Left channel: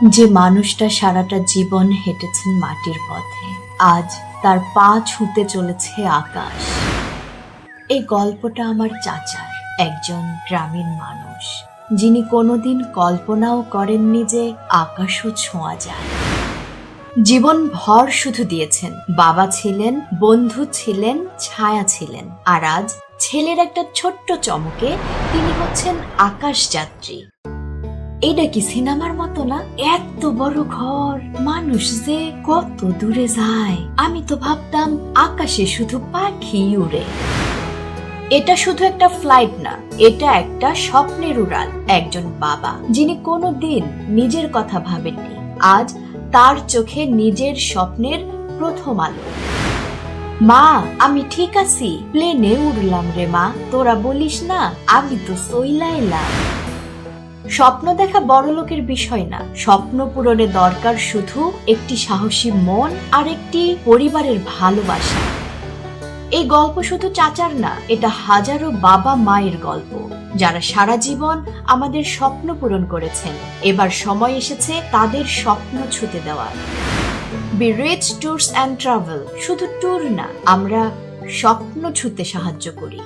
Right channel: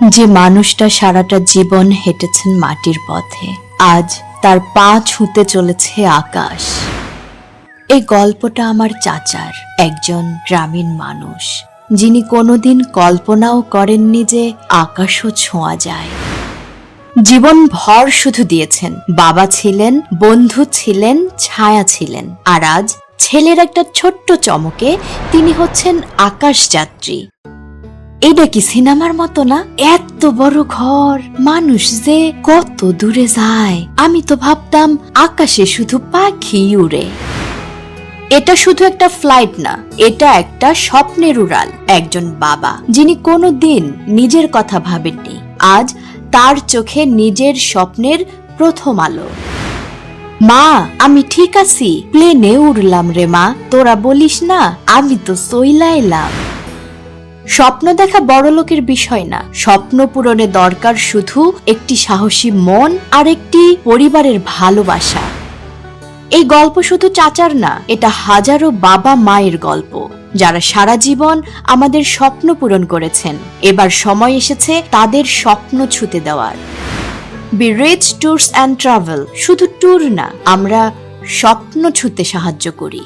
যে মানুষটা সারাটা জীবন হেঁটেছেন মাটির পথে, আজ তার পা ছুঁতে চলেছে আকাশ। এই গল্পটা আমার চাচার, একজন গ্রামীণ মানুষ, যিনি কোনোদিন কল্পনাও করেননি যে আকাশও ছোঁয়া যায়। জীবন ভর শুধু দিয়েছেন, বাবা ছিলেন, বন্ধু ছিলেন, ছায়া ছিলেন, আর আজ ছেলের একটা ছোট্ট চমকে তিনি হচ্ছেন আকাশযাত্রী। এটা কি সিনেমার মতো না? এত বড় ঘর, মানুষ যে কত দূরে যায়। আমি তো ভাবতাম, আকাশে শুধু পাখি উড়ে। এটা শুধু একটা ফ্লাইট না, এটা একটা স্বপ্নের উড়াল, একজন বাবা, যিনি কোনো দিন নিজের কথা ভাবেননি। আজ তার চোখে নিজের স্বপ্নের প্রথম আলো। মা, আমি ঠিক আছি। প্লেনে উড়লাম রে মা, তোরা বলিস না, আমি তো সইলা এলাম স্বপ্ন দেখা বড় লোকের বিষয় না। স্বপ্ন পূরণে দরকার শুধু একটি সাহসী মন আর একটি পরিবারের ভালোবাসা। এই গল্প শুধু চাচার না, এটা হাজারো বাবা মায়ের গল্প, যারা সারা জীবন আমাদের স্বপ্ন পূরণ করেছেন। এবার সময় এসেছে তাদের স্বপ্ন ছুতে দেওয়ার। B reach tours and travel শুধু ট্যুর না, আমরা স্বপ্ন ছুতে সাহায্য করি।